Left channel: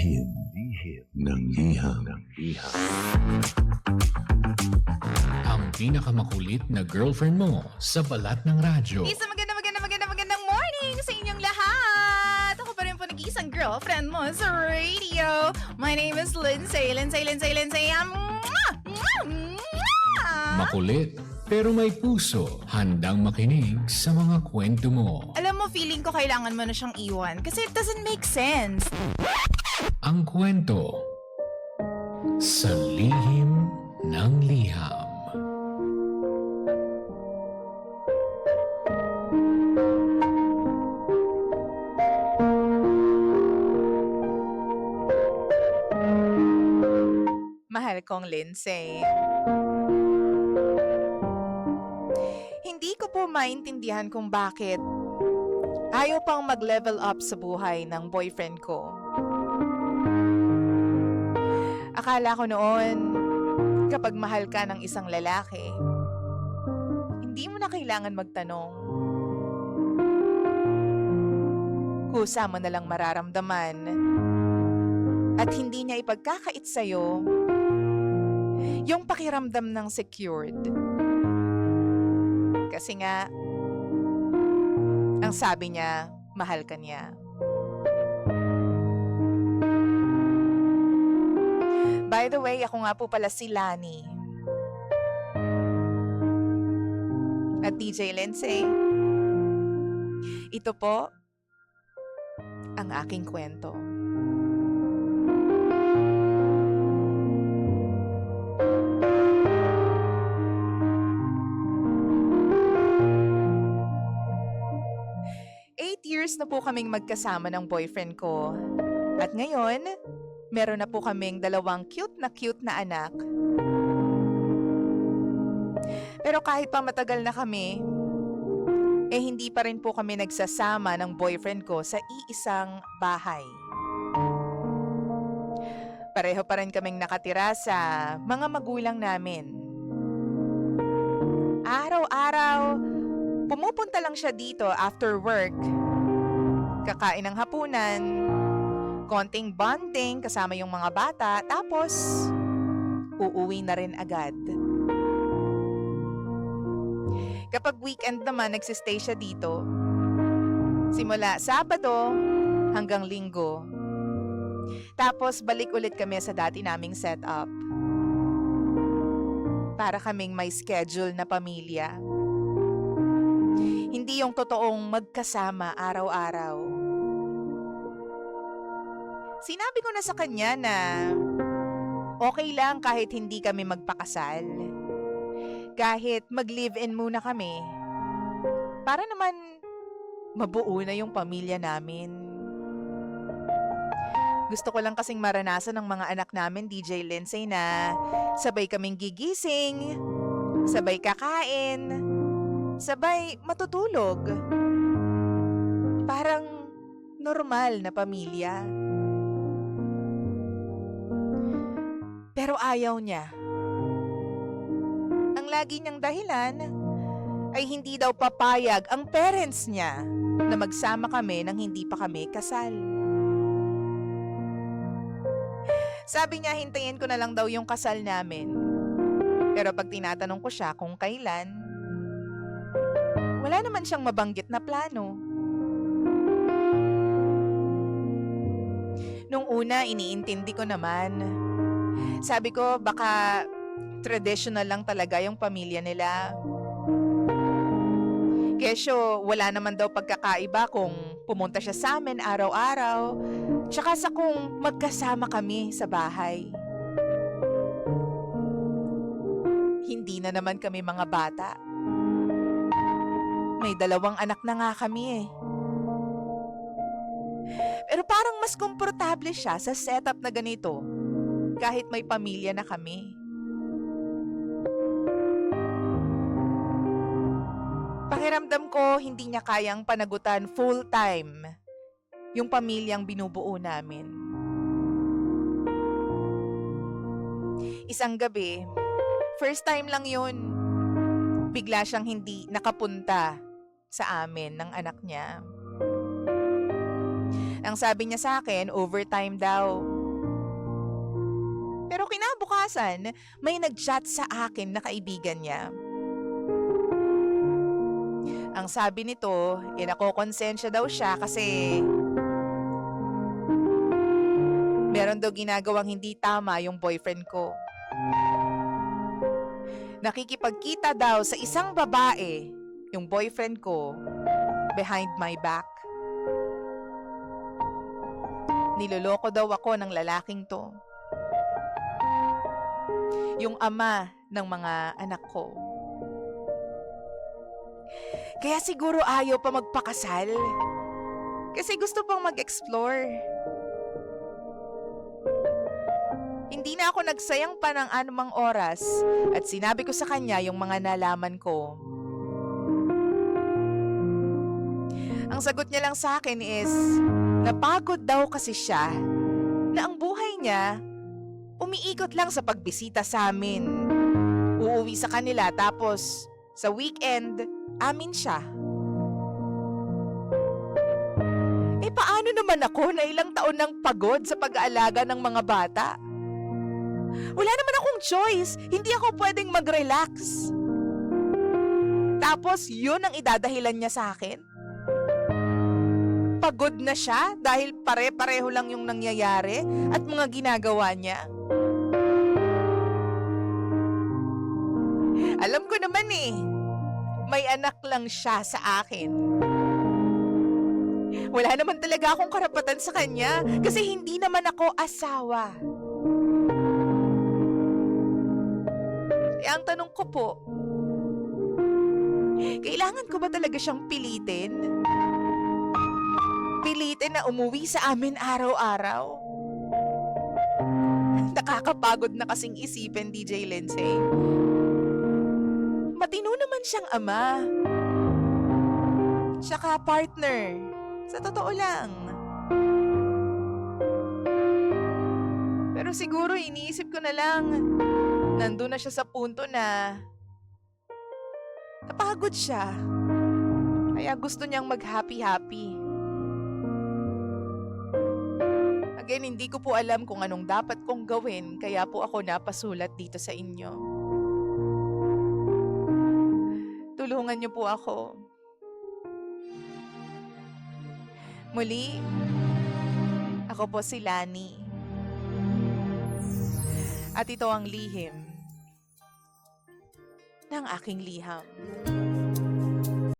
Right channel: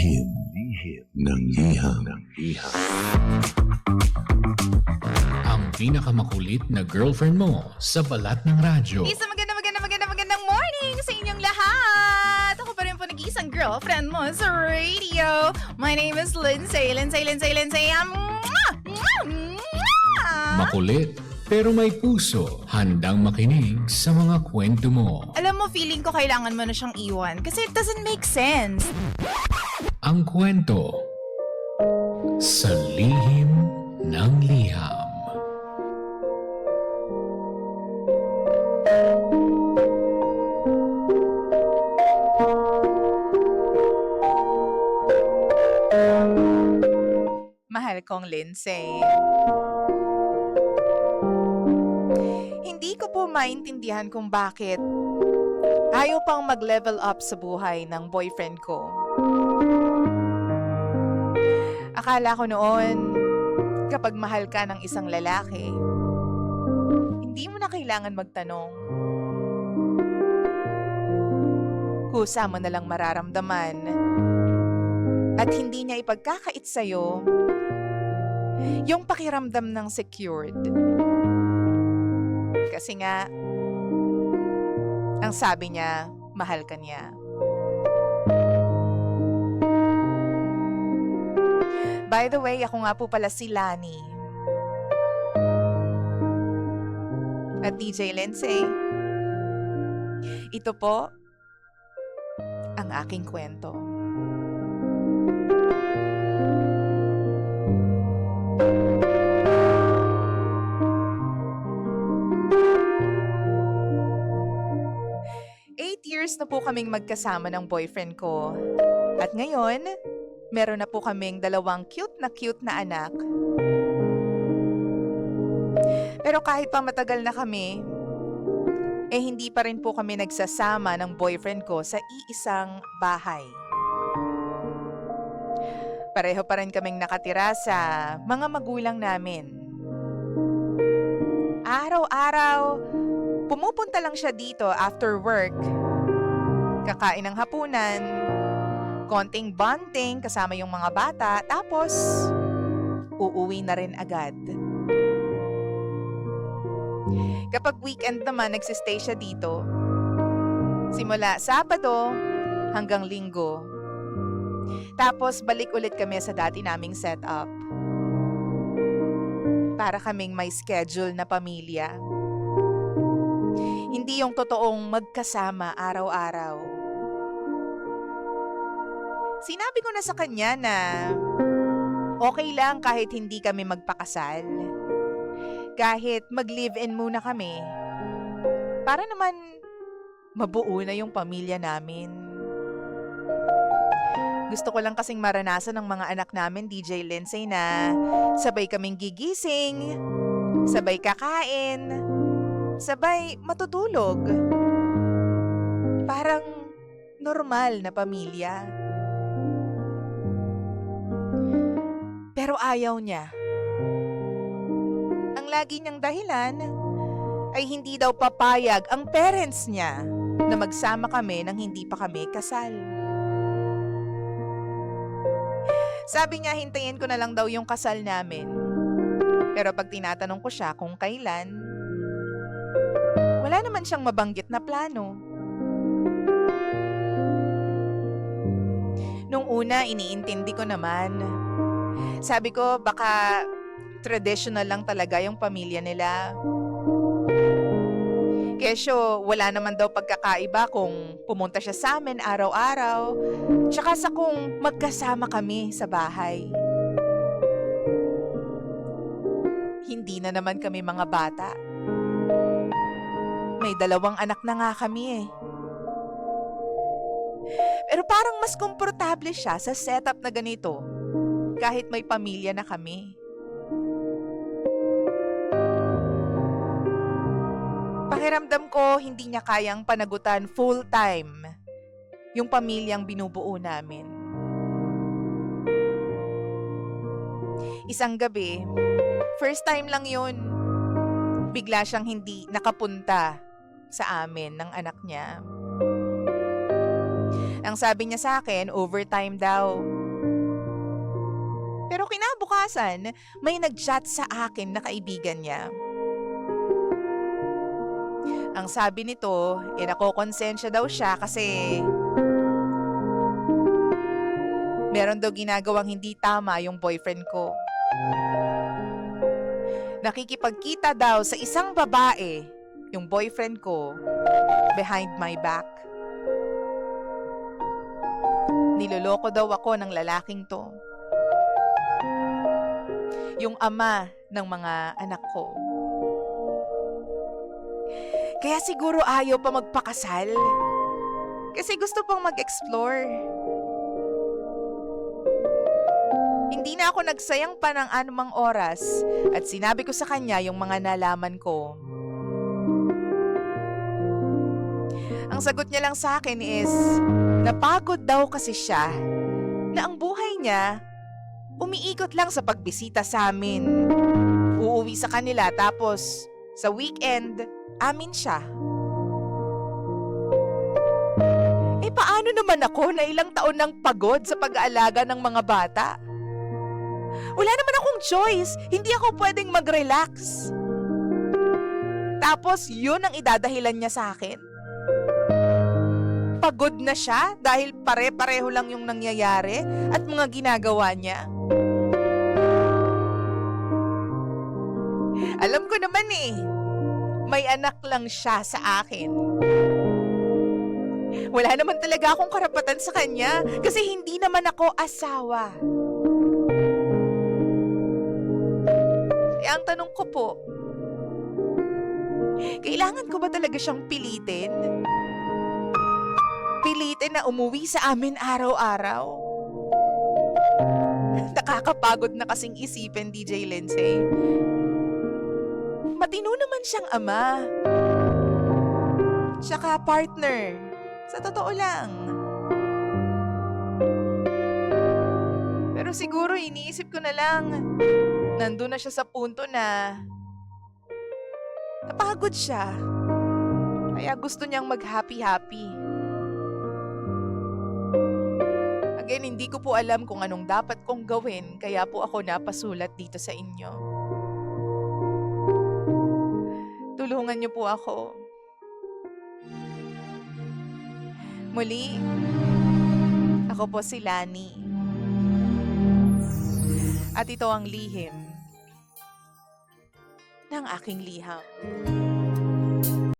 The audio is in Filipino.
Lihim ng liham. Ang pinakamakulit na girlfriend mo sa balat ng radyo. Isang magandang morning sa inyong lahat! Ako pa rin po nag-iisang girlfriend mo sa radio. My name is Lindsay. Makulit pero may puso, handang makinig sa mga kwento mo. Alam mo, feeling ko kailangan mo na siyang iwan kasi it doesn't make sense. Ang kwento sa lihim ng liham. Mahal kong Lindsay. Hindi ko po maintindihan kung bakit ayaw pang mag-level up sa buhay ng boyfriend ko. Akala ko noon, kapag mahal ka ng isang lalaki, hindi mo na kailangan magtanong. Kusa mo na lang mararamdaman at hindi niya ipagkakait sa'yo yung pakiramdam ng secured. Kasi nga, ang sabi niya, mahal ka niya. By the way, ako nga po pala si Lani. At DJ Lindsay. Ito po, ang aking kwento. Years na po kaming magkasama ng boyfriend ko. At ngayon, meron na po kaming 2 cute na anak. Pero kahit pa matagal na kami, hindi pa rin po kami nagsasama ng boyfriend ko sa iisang bahay. Pareho pa rin kaming nakatira sa mga magulang namin. Araw-araw, pumupunta lang siya dito after work. Kakain ng hapunan, konting bonding kasama yung mga bata, tapos uuwi na rin agad. Kapag weekend naman, nagsistay siya dito. Simula Sabado hanggang Linggo. Tapos balik ulit kami sa dati naming setup. Para kaming may schedule na pamilya. Hindi yung totoong magkasama araw-araw. Sinabi ko na sa kanya na okay lang kahit hindi kami magpakasal. Kahit mag-live-in muna kami. Para naman mabuo na yung pamilya namin. Gusto ko lang kasing maranasan ng mga anak namin, DJ Lindsay, na sabay kaming gigising, sabay kakain, sabay matutulog. Parang normal na pamilya. Pero ayaw niya. Ang lagi niyang dahilan ay hindi daw papayag ang parents niya na magsama kami nang hindi pa kami kasal. Sabi niya hintayin ko na lang daw yung kasal namin. Pero pag tinatanong ko siya kung kailan, wala naman siyang mabanggit na plano. Nung una, iniintindi ko naman. Sabi ko, baka traditional lang talaga yung pamilya nila. Kesyo, wala naman daw pagkakaiba kung pumunta siya sa amin araw-araw, tsaka sa kung magkasama kami sa bahay. Hindi na naman kami mga bata. May 2 anak na nga kami . Pero parang mas komportable siya sa setup na ganito, kahit may pamilya na kami. Pakiramdam ko hindi niya kayang panagutan full-time yung pamilyang binubuo namin. Isang gabi, first time lang yun, bigla siyang hindi nakapunta sa amin ng anak niya. Ang sabi niya sa akin, overtime daw. Pero kinabukasan, may nag-chat sa akin na kaibigan niya. Ang sabi nito, nakokonsensya daw siya kasi meron daw ginagawang hindi tama yung boyfriend ko. Nakikipagkita daw sa isang babae, yung boyfriend ko, behind my back. Niloloko daw ako ng lalaking to. Yung ama ng mga anak ko. Kaya siguro ayaw pa magpakasal. Kasi gusto pang mag-explore. Hindi na ako nagsayang pa ng anumang oras at sinabi ko sa kanya yung mga nalaman ko. Ang sagot niya lang sa akin is, napagod daw kasi siya na ang buhay niya umiikot lang sa pagbisita sa amin. Uuwi sa kanila tapos sa weekend, amin siya. Paano naman ako na ilang taon nang pagod sa pag-aalaga ng mga bata? Wala naman akong choice. Hindi ako pwedeng mag-relax. Tapos yun ang idadahilan niya sa akin. Pagod na siya dahil pare-pareho lang yung nangyayari at mga ginagawa niya. Alam ko naman may anak lang siya sa akin. Wala naman talaga akong karapatan sa kanya kasi hindi naman ako asawa. Kaya ang tanong ko po, kailangan ko ba talaga siyang pilitin? Pilitin na umuwi sa amin araw-araw? Nakakapagod na kasing isipin, DJ Lindsay. Matino naman siyang ama. Tsaka partner. Sa totoo lang. Pero siguro iniisip ko na lang, nandun na siya sa punto na napagod siya. Kaya gusto niyang mag-happy-happy. Again, hindi ko po alam kung anong dapat kong gawin, kaya po ako napasulat dito sa inyo. Tulungan niyo po ako. Muli, ako po si Lani. At ito ang lihim ng aking liham.